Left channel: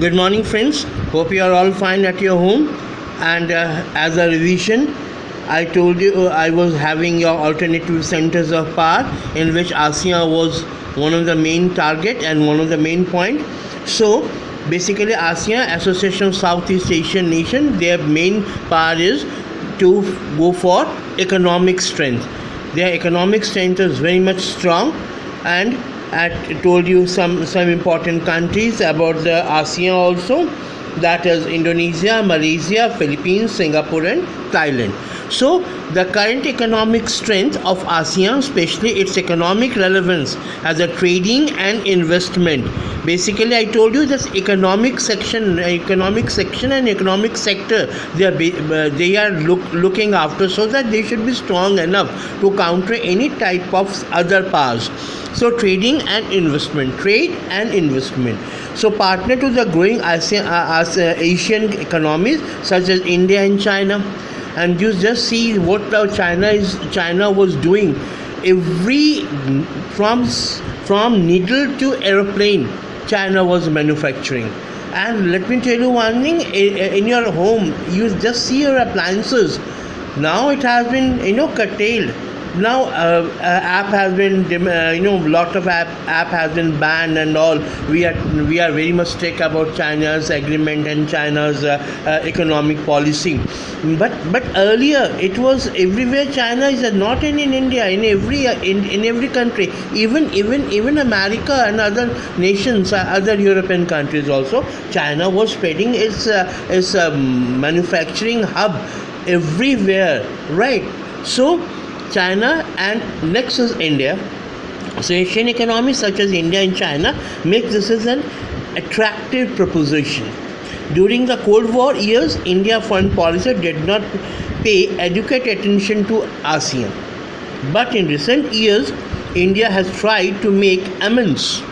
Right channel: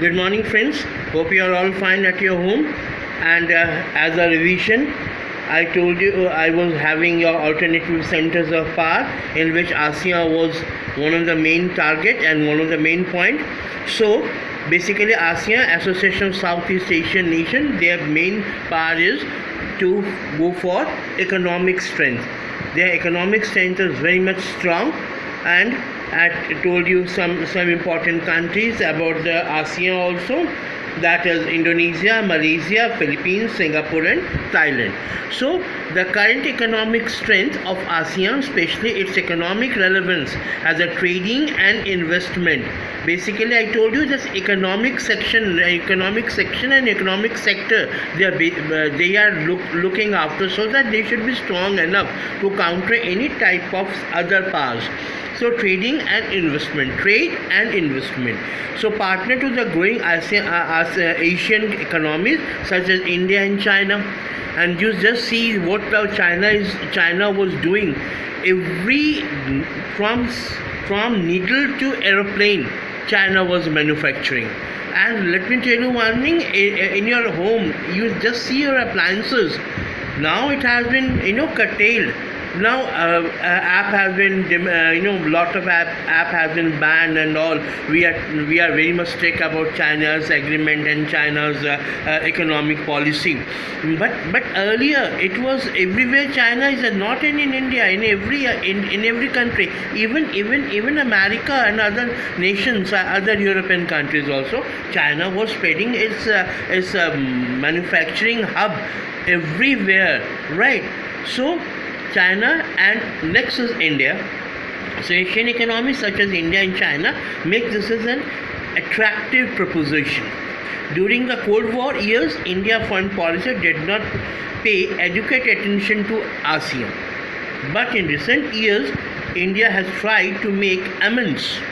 Good morning, friends. Hope you are all fine at your home. And as a revision, I told you I was having your alternative centers of power, in which ASEAN was one of the main target and one of the main point. So basically, ASEAN, Association of Southeast Asian Nation, their main power is to go for economic strength. Their economic strength is very much strong, and I told you some important countries about the ASEAN also, that is Indonesia, Malaysia, Philippines, Singapore, and Thailand. So the current economic strength of ASEAN, especially its economic relevance as a trading and investment. Basically, I told you this economic section and economic sector they are looking after, so that they should be strong enough to counter any type of other powers. So trading and investment, trade and investment. So partner to the growing Asian economies such as India and China. And you just see what China was doing. Every from needle to aeroplane, China was manufacturing. And let me tell you one thing: in your home, you just see your appliances. Now it has been curtailed. Now app has been lot of app has been banned and all. We are very much strict about China's agreement and China's economic policy. But earlier it was everywhere. China is not in India, in every country, even America and other nations, other European countries also. China was spreading its manufacturing hub everywhere, right? So China, and next is India. So Asian economies such as India and China make this as an attractive proposition. During the Cold War years, India foreign policy did not pay adequate attention to ASEAN. But in recent years, India has tried to make amends.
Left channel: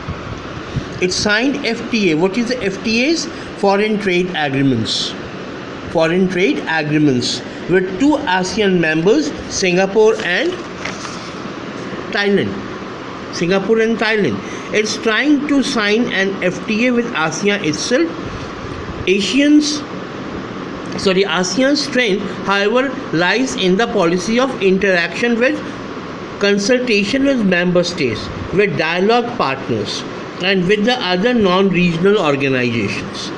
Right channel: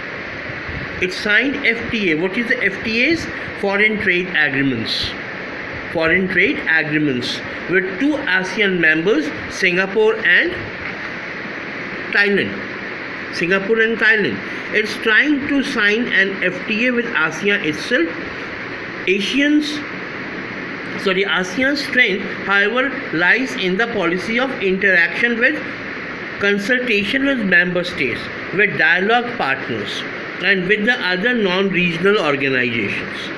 It signed FTA. What is the FTAs? Foreign trade agreements. Foreign trade agreements with two ASEAN members, Singapore and Thailand. It's trying to sign an FTA with ASEAN itself. ASEAN's strength, however, lies in the policy of interaction with consultation with member states, with dialogue partners, and with the other non-regional organizations.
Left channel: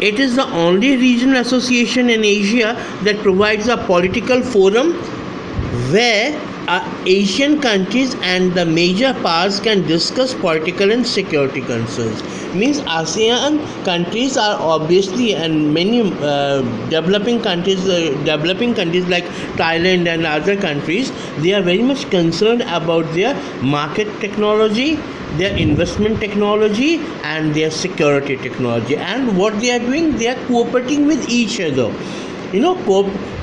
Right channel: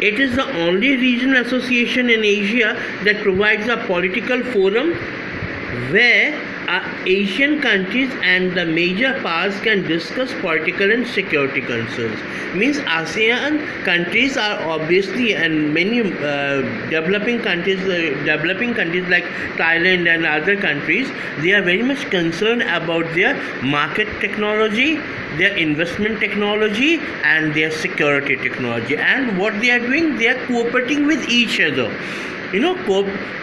It is the only regional association in Asia that provides a political forum where Asian countries and the major powers can discuss political and security concerns. Means ASEAN countries are obviously, and many developing countries like Thailand and other countries, they are very much concerned about their market technology, their investment technology, and their security technology. And what they are doing, they are cooperating with each other.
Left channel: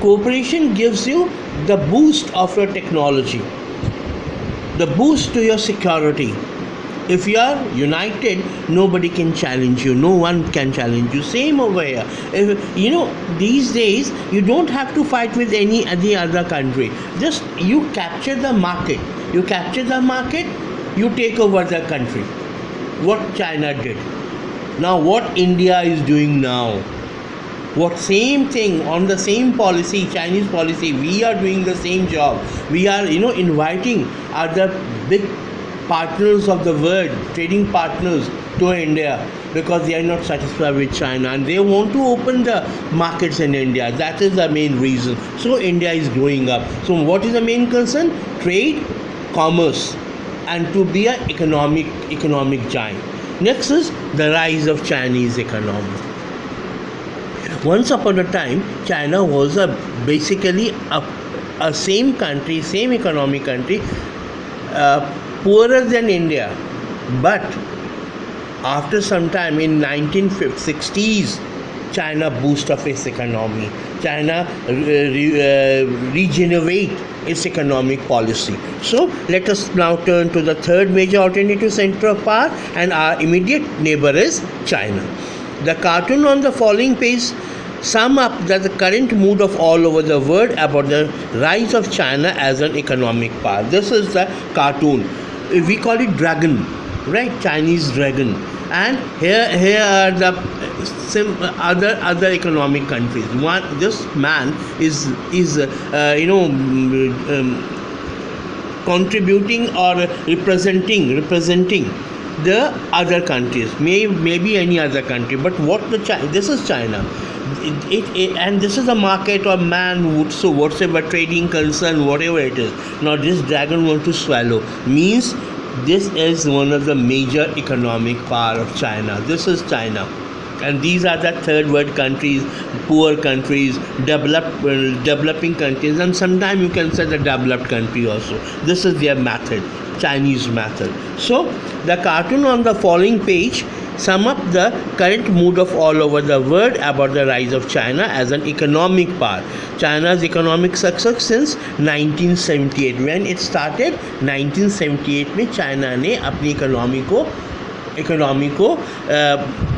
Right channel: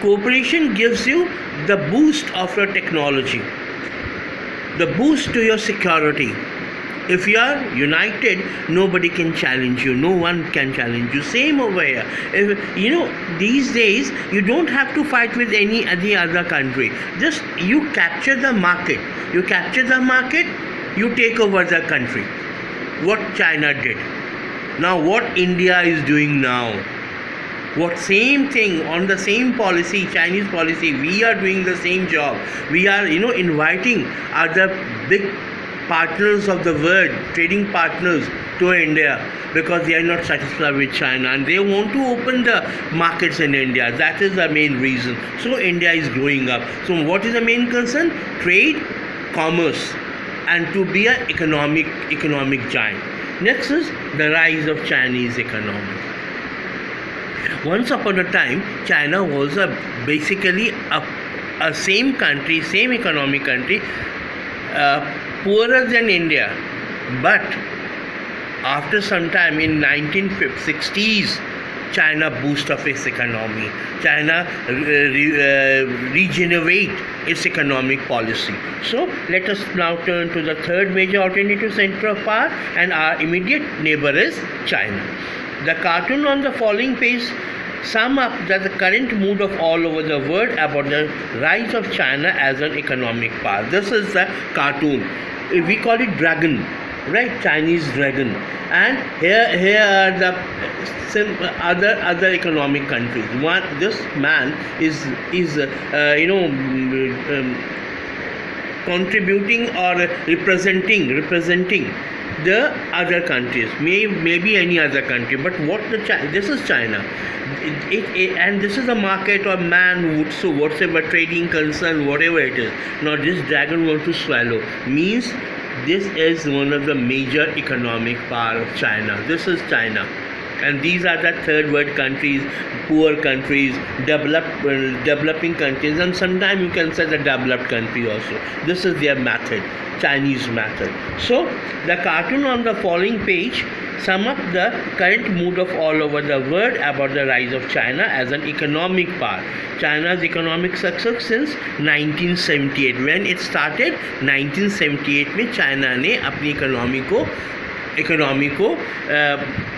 Cooperation gives you the boost of your technology, the boost to your security. If you are united, nobody can challenge you. No one can challenge you. Same over here. These days you don't have to fight with any other country. Just you capture the market. You take over the country. What China did. Now what India is doing now. What same thing on the same policy, Chinese policy, we are doing the same job. We are, inviting other big partners of the world, trading partners to India, because they are not satisfied with China and they want to open the markets in India. That is the main reason. So India is growing up. So what is the main concern? Trade, commerce, and to be an economic giant. Next is the rise of Chinese economy. Once upon a time, China was basically a same country, same economic country, poorer than India. But after some time in 1960s, China boost up its economy. China regenerate its economic policy. So let us now turn to the third major alternative center of power, and our immediate neighbor is China. The cartoon on the following page sum up the current mood of all over the world about the rise of China as an economic power. This is the cartoon. We call it dragon, right? Chinese dragon. And here are the other economic countries. This man is contributing or representing the other countries, maybe any other country, but this is China. And this is a market or man, so whatsoever trading concern, whatever it is. Now this dragon wants to swallow means this is one of the major economic power of China. This is China. And these are the third world countries, poor countries, developing countries, and sometimes you can say the developed country also. This is their method, Chinese method. So the cartoon on the following page sum up the current mood of all over the world about the rise of China as an economic power. China's economic success since 1978. When it started, 1978 में China ने अपनी economy को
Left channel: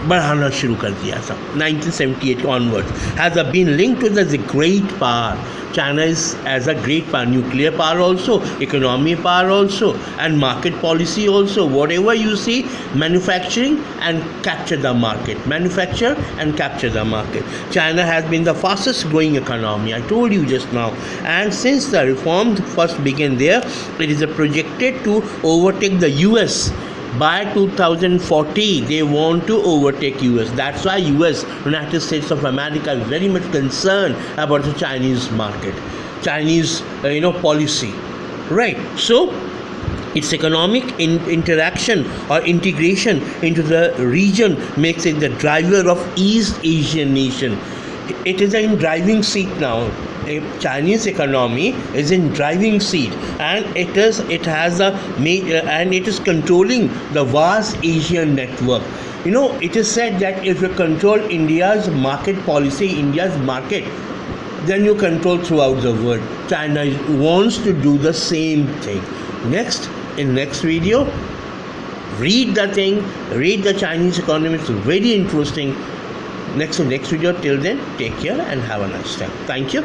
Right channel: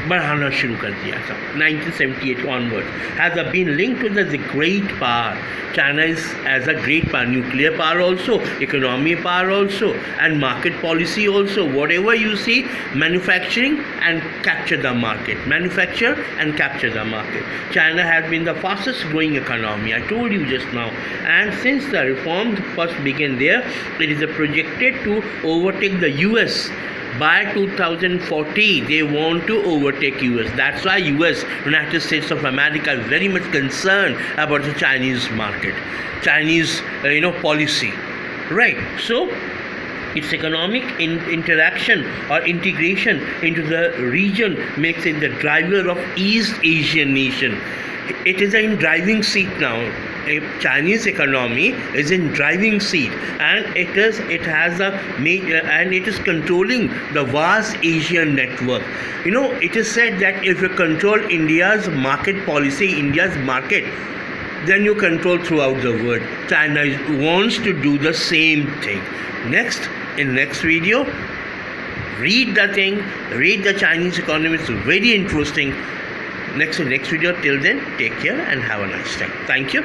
बढ़ाना शुरू कर दिया था. 1978 onwards has been linked to the great power. China is as a great power, nuclear power also, economy power also, and market policy also. Whatever you see, manufacturing and capture the market. Manufacture and capture the market. China has been the fastest growing economy, I told you just now. And since the reforms first began there, it is projected to overtake the US. By 2040, they want to overtake US. That's why US, United States of America, is very much concerned about the Chinese market, Chinese, policy, right? So, its economic interaction or integration into the region makes it the driver of East Asian nation. It is in driving seat now. A Chinese economy is in driving seat, and it is controlling the vast Asian network. It is said that if you control India's market policy, India's market, then you control throughout the world. China wants to do the same thing. In next video, read the Chinese economy. It's very interesting. Next video. Till then, take care and have a nice time. Thank you.